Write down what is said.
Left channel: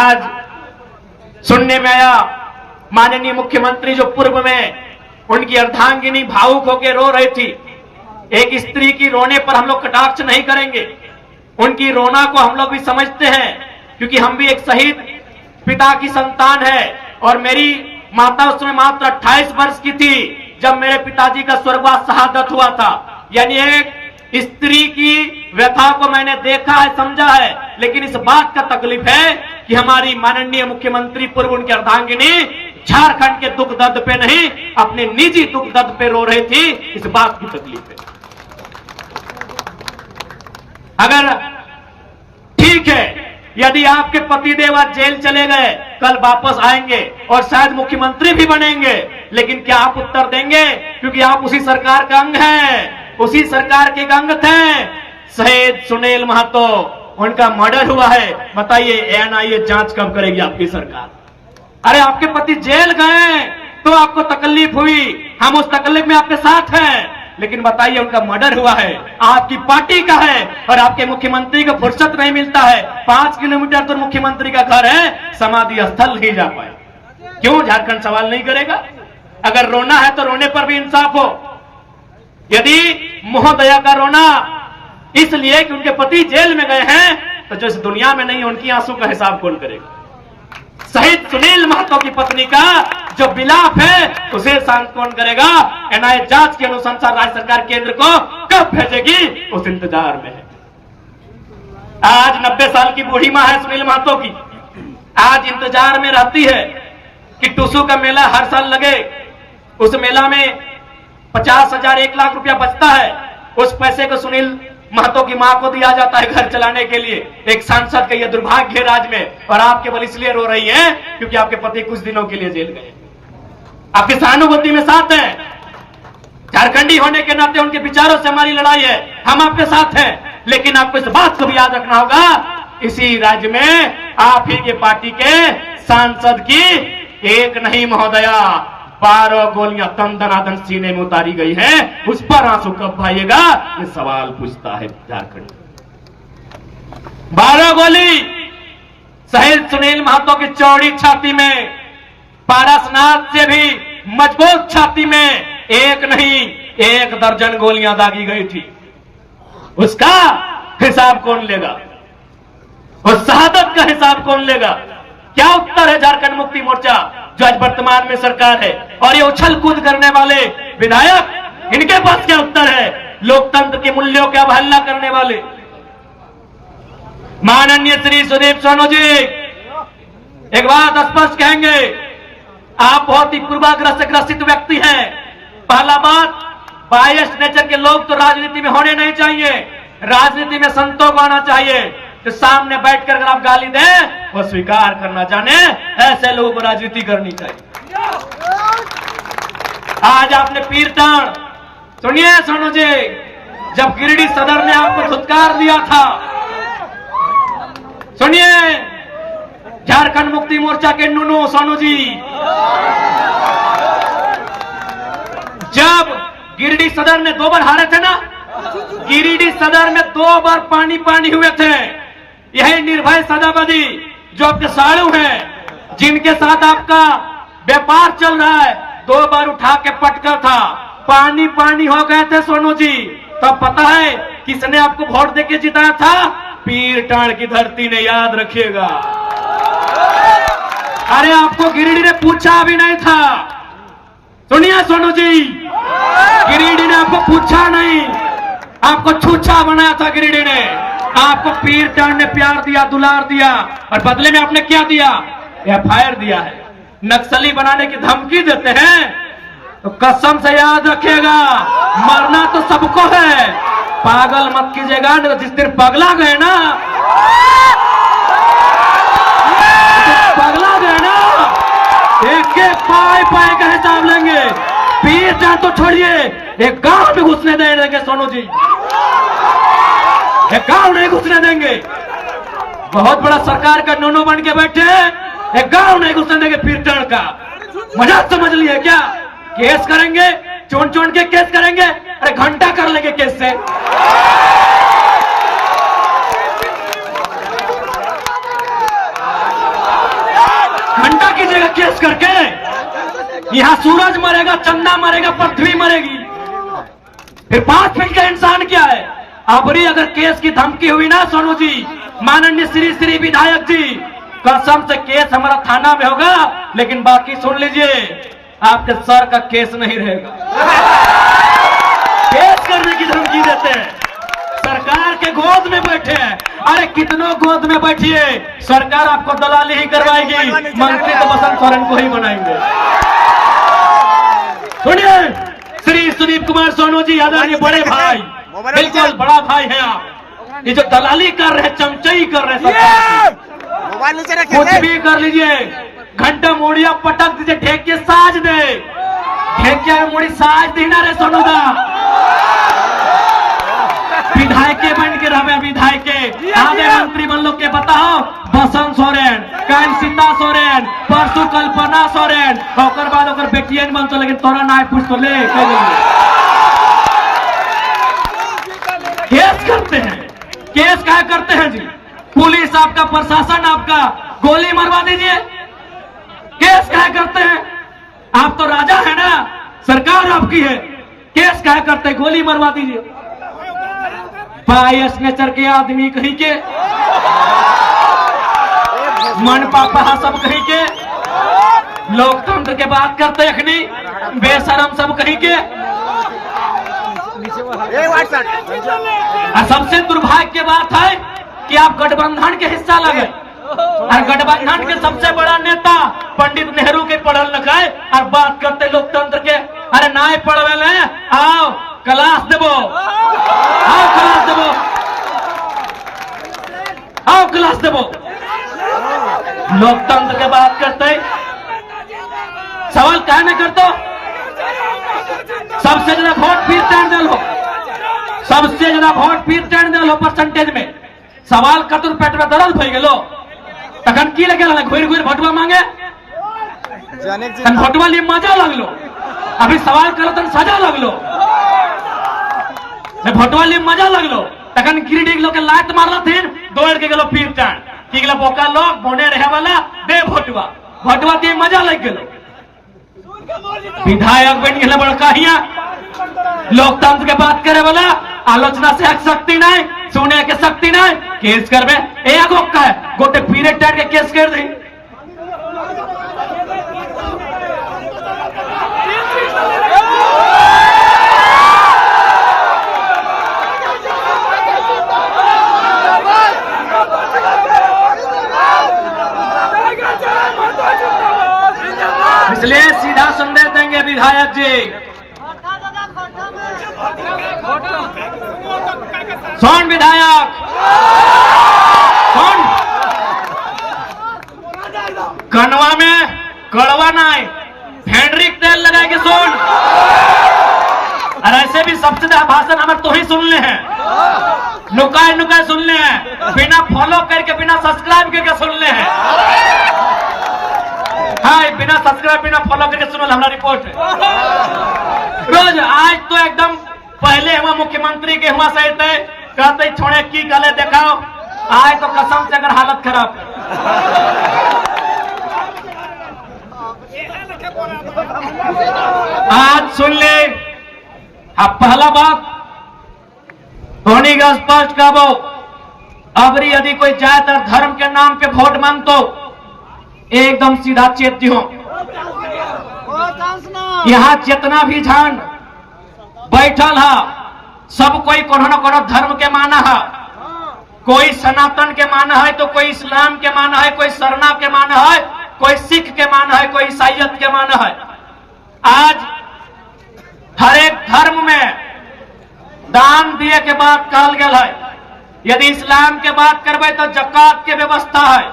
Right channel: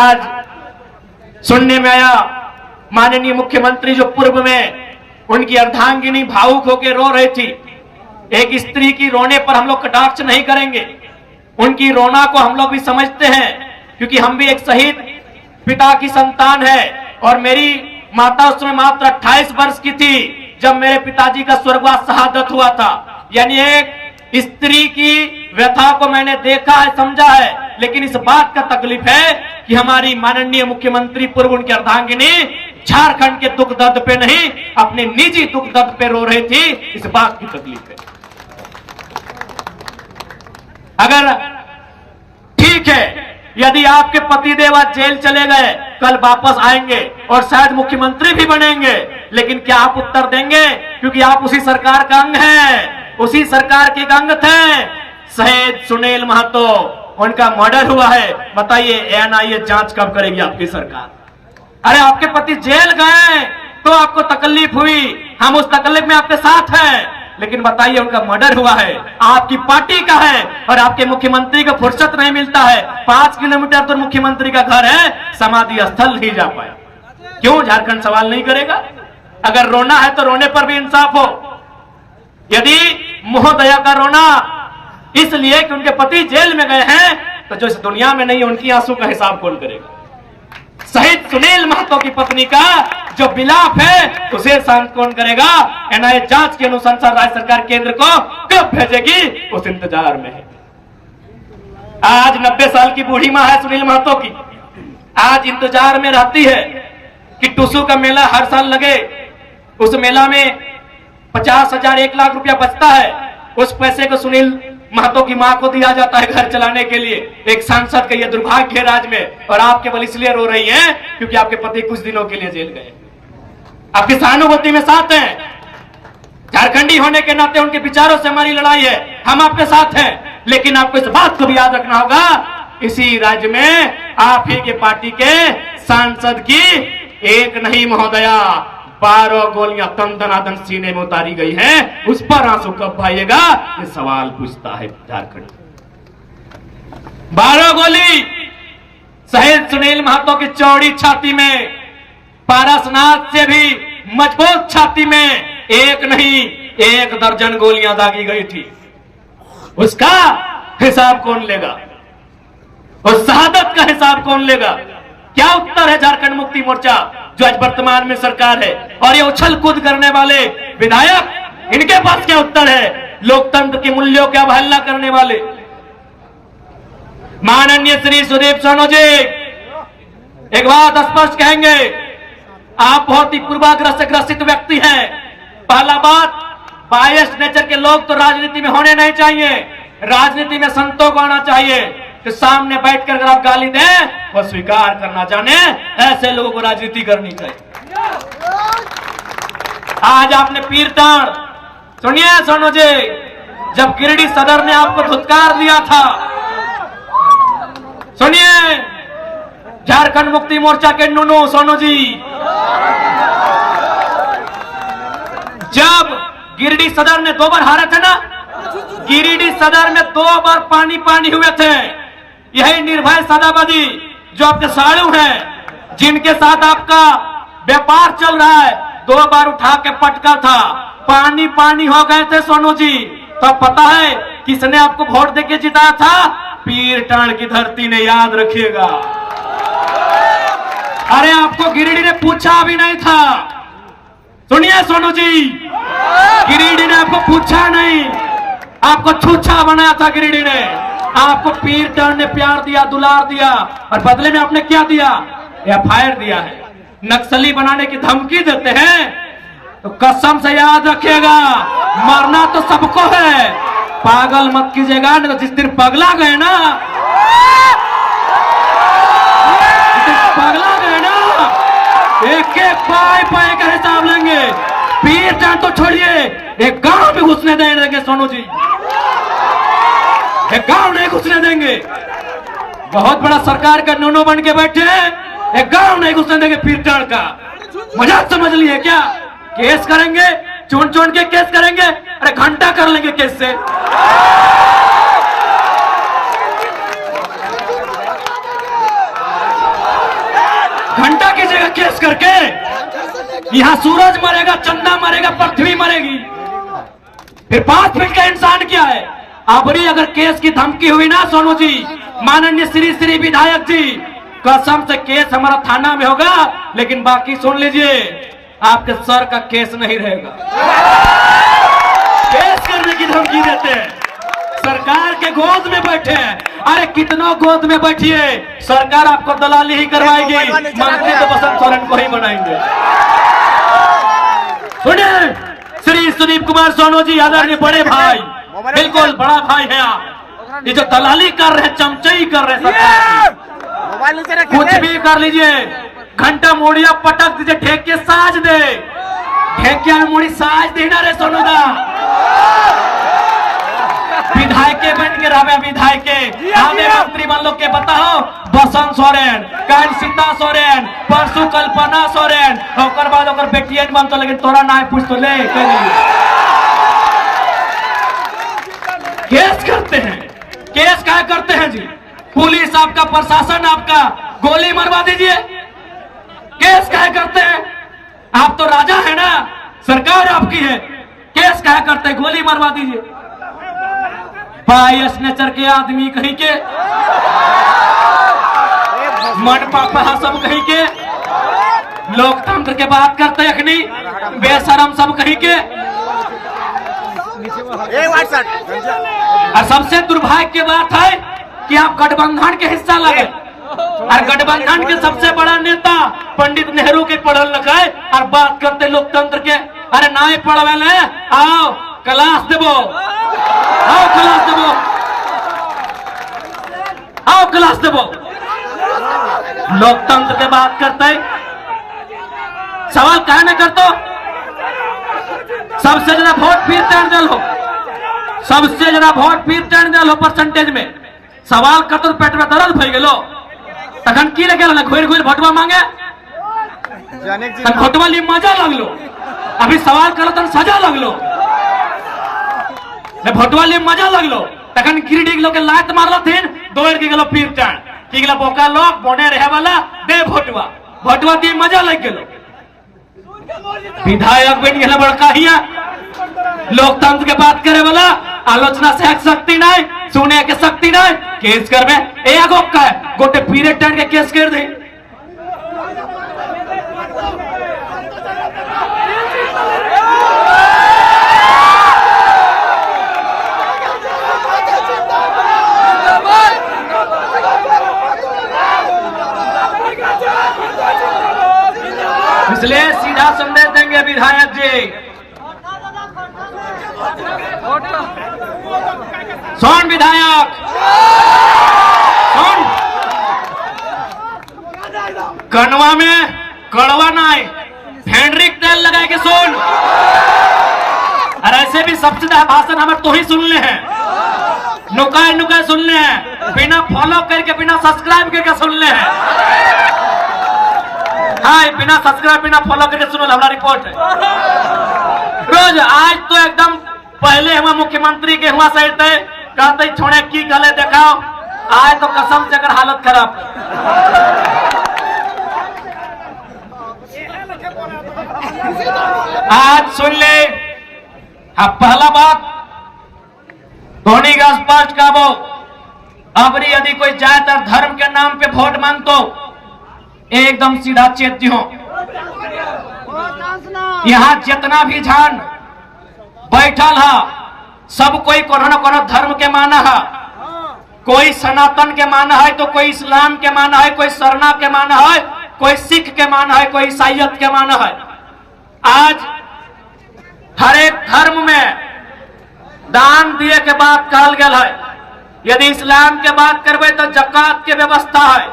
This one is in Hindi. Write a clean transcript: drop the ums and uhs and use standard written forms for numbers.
आज सुनने में आया माननीय मुख्यमंत्री जो पूर्व में उनकी अर्धांगिनी भावुक होकर रो रही थी। एक स्त्री की रोने पर हम लोग कटाक्ष नहीं करेंगे, उनकी रोना को हम लोग भी समझते हैं, क्योंकि हम भी एक शहीद पिता की संतान है। और मेरी माता उस समय मात्र 28 वर्ष की थी जब मेरे पिताजी का स्वर्गवास शहादत हुआ था। यानी एक स्त्री की व्यथा को मैंने देखा है, समझा है, लेकिन इस बात का तकलीफ है कि हमारी माननीय मुख्यमंत्री पूर्व उनकी अर्धांगिनी झारखंड के दुख दर्द पे नहीं, अपने निजी दुख दर्द पे रो रही थी। इस बात की तकलीफ है। अगर ठीक है, यदि आपके पतिदेव आज जेल चले गए, कल वापस आएंगे और शायद मुख्यमंत्री भी बनेंगे, लेकिन क्या आप उत्तर देंगे? क्योंकि आप उसी सरकार का अंग हैं, उसी सरकार के अंग थे। शहीद सुनील महतो, उनका मर्डर हुआ है। बताइए एनआईए जांच कब करेगी आपकी सरकार? अरे आपके पति जेल गए तो आपको तकलीफ हुई, हम उस तकलीफ में आपके साथ हैं, लेकिन बताइए उनका मर्डर हुआ है, आपकी पार्टी का है, और आपके मुख्यमंत्री को फुर्सत नहीं मिलता है। 5 किलोमीटर तो मुख्यमंत्री का घर है, समाधि स्थल नहीं जा पाए। क्यों झारखंड सवाल नहीं करेगा? अगर रोना है तो रोने पर भी इंसाफ हो। यदि महोदया का रोना इसलिए कि उनके पति जेल में गए हैं, तो जो इस दुनिया में नहीं, उनकी आंसू का हिसाब कौन करेगा? शहीद सुनील महतो की पत्नी का जो विलाप है, उसे शांत कौन करेगा? एनआईए जांच की अनुशंसा राज्य सरकार केंद्र को कब भेजेगी, उस इंतजार में है। आज 90 साल की बूढ़ी मां है सुनील महतो की, आज इंतजार में रहती है कि टुसू का मेला हर साल लगे। उस मेला में 50,000 1 लाख रुपया बचता है, उस पैसे को सुनील महतो की मां को दिया जाता है घर चलाने के लिए। एक सांसद का यह दुर्भाग्य है राज्य में, और आप केवल इसलिए रो रही हैं क्योंकि आपके पति कुछ दिनों के लिए जेल गए। आपकी सहानुभूति में साथ हैं, झारखंडी होने के नाते उनके विचारों से हमारी लड़ाई है, हम आपके साथ हैं। लेकिन आपको इस बात को भी याद रखना होगा, इसी राज्य में आप ही के पार्टी के सांसद की एक नहीं महोदया 12 गोलियां तन दनादन सीने में उतारी गई हैं। उस पर आंसू कब भाइएगा, ये सवाल पूछता है झारखंड। 12 गोली शहीद सुनील महतो की चौड़ी छाती में, पारसनाथ से भी मजबूत छाती में एक नहीं 1 दर्जन गोलियां दागी गई थी। उसका हिसाब कौन लेगा? और शहादत का हिसाब कौन लेगा? क्या उत्तर है झारखंड मुक्ति मोर्चा जो आज वर्तमान में सरकार है, और ये उछल कूद करने वाले विधायक, इनके पास क्या उत्तर है? लोकतंत्र के मूल्यों की अवहेलना करने वाले माननीय श्री सुदीप सोनू जी एक बात स्पष्ट कहेंगे, आप बहुत ही पूर्वाग्रह से ग्रसित व्यक्ति हैं। पहला बात, बायस नेचर के लोग तो राजनीति में होने नहीं चाहिए, राजनीति में संतों को आना चाहिए। तो सामने बैठकर अगर आप गाली दें, वो स्वीकार करना जाने, ऐसे लोगों को राजनीति करनी चाहिए। आज आपने पीरटाण, सुनिए सोनू जी, जब गिरिडीह सदर ने आपको धुतकार दिया था, सुनिए झारखंड मुक्ति मोर्चा के नुनू सोनू जी, जब गिरिडीह सदर ने 2 बार हारे थे ना, गिरिडीह सदर में 2 बार पानी पानी हुए थे। यही निर्भय सदाबदी जो आपके साड़ू हैं, जिनके साथ आपका व्यापार चल रहा है, 2 बार उठा के पटका था, पानी पानी हो गए थे सोनू जी। तो पता है किसने आपको वोट देके जिताया था? पीरटाण की धरती ने, याद रखिएगा। अरे आपको गिरिडीह ने पूछा भी नहीं था, सुनिए सोनू जी, गिरिडीह ने आपको पूछा नहीं, आपको छूछा बनाया था गिरिडीह ने। आपको पीरटाण ने प्यार दिया, दुलार दिया, और बदले में आपने क्या दिया? एफआईआर दिया है। नक्सली बनाने की धमकी देते हैं तो कसम से याद रखिएगा, मरना तो सबको है, पागल मत कीजिएगा। जिस दिन पगला गए ना, पगला गए ना, एक एक पाए पाए का हिसाब लेंगे। पीरटाण तो छोड़िए, एक गांव भी घुसने देंगे सोनू जी, एक गांव नहीं घुसने देंगे। बहुत बड़ा सरकार का नोनो बन के बैठे, एक गांव नहीं घुसने देंगे पीरटाण का। मजाक समझ लिए क्या? केस करेंगे, चुन चुन के केस करेंगे, अरे घंटा कर लेंगे केस से। घंटा कीजिएगा केस करके। यहाँ सूरज मरेगा, चंदा मरेगा, पृथ्वी मरेगी, फिर 5 फीट का इंसान क्या है? अबरी अगर केस की धमकी हुई ना सोनू जी, माननीय श्री विधायक जी, कसम से केस हमारा थाना में होगा, लेकिन बाकी सुन लीजिए, आपके सर का केस नहीं रहेगा। केस करने की धमकी देते हैं, सरकार के गोद में बैठे हैं। अरे कितनों गोद में बैठिए, सरकार आपको दलाली ही करवाएगी, मंत्री तो बसंत सोरेन को ही बनाएंगे। सुनिए, श्री सुदीप कुमार सोनू जी, आदरणीय बड़े भाई, बिल्कुल बड़ा भाई है आप। ये जो दलाली कर रहे, चमचाई कर रहे सरकार, कुछ भी कर लीजिए, घंटा मुड़िया पटक दीजिए, ढेके साज दे, ढेकिया में मुड़ी साज देना रे सोनू दा। विधायक बन के रहे, विधायक हमें मंत्री बन लो के बताओ, बसंत सोरेन, काल सीता सोरेन, परसों कल्पना सोरेन, और बाद अगर बेटियन बनतो, लेकिन तोरा ना पूछ तो ले केस करते हैं। केस क्या करते हैं जी? पुलिस आपका, प्रशासन आपका, गोली मरवा दीजिए। केस क्या करते हैं? आप तो राजा है ना, सरकार आपकी है, केस क्या करते हैं? गोली मरवा दीजिए। बायस नेचर के आदमी कहीं के, मन पापा सब कहीं के, लोकतंत्र के बात करते अखनी, बेशरम सब कहीं के। और सबसे दुर्भाग्य की बात है कि आप गठबंधन के हिस्सा लगे, और गठबंधन के सबसे बड़ा नेता पंडित नेहरू के पढ़ल लिखे, और बात करते लोकतंत्र के। अरे ना पढ़वे, आओ क्लास देवो, आओ क्लास देवो, आओ क्लास देवो। लोकतंत्र के बात करते, सवाल क्या नहीं करते? सबसे ज्यादा वोट फिर टर्न दल हो, सबसे ज्यादा वोट फिर टर्न दल हो परसेंटेज में। सवाल कतुर पेट में दर्द हो गेलो, तखन की लगे घुर घुर भटवा मांगे, भटवा लिए मजा लगलो, अभी सवाल करो तो सजा लगलो, भटवा लिए मजा लगलो, तखन गिरिडीह लोग के लात मारला थीन, दौड़ के गेलो फिर टर्न, की गेलो बोका लोग बोने रहे वाला दे भटवा, भटवा दिए मजा लग गेलो। विधायक बन गए बड़का हिया, लोकतंत्र के बात करे वाला, आलोचना से शक्ति नहीं, सुने के शक्ति नहीं, केस करवे एक का है, गोटे पीरियड टाइम के केस कर दी। इसलिए सीधा संदेश देंगे विधायक जी, सुन विधायक, सुन, कनवा में कड़वा नहीं, फेंड्रिक तेल लगा के सुन। और ऐसे भी सबसे ज्यादा भाषण हमारे तो ही सुनने हैं, नुकाए नुकाए सुनने हैं, बिना फॉलो करके, बिना सब्सक्राइब करके सुनने हैं। हाँ, बिना सब्सक्राइब बिना फॉलो करके सुनो, हमारा रिपोर्ट है रोज। आज तो एकदम पहले हम मुख्यमंत्री के हुआ सही थे, कहते छोड़े की गले देखाओ, आज तो कसम से अगर हालत खराब। आज सुन ले, अब पहला बात धोनी का स्पष्ट काबो, अबरी यदि कोई जात और धर्म के नाम पे वोट मांगतो, एकदम सीधा चेती हो। यहाँ जितना भी झंड बैठल है, सब कोई कोनो न कोनो धर्म के माना है, कोई सनातन के माना है, तो कोई इस्लाम के माना है, कोई सरना के माना है, कोई सिख के माना है, कोई ईसाइयत के माना है। आज हर एक धर्म में दान दिए के बात कहल गया है। यदि इस्लाम के बात करबे तो जकात के व्यवस्था है।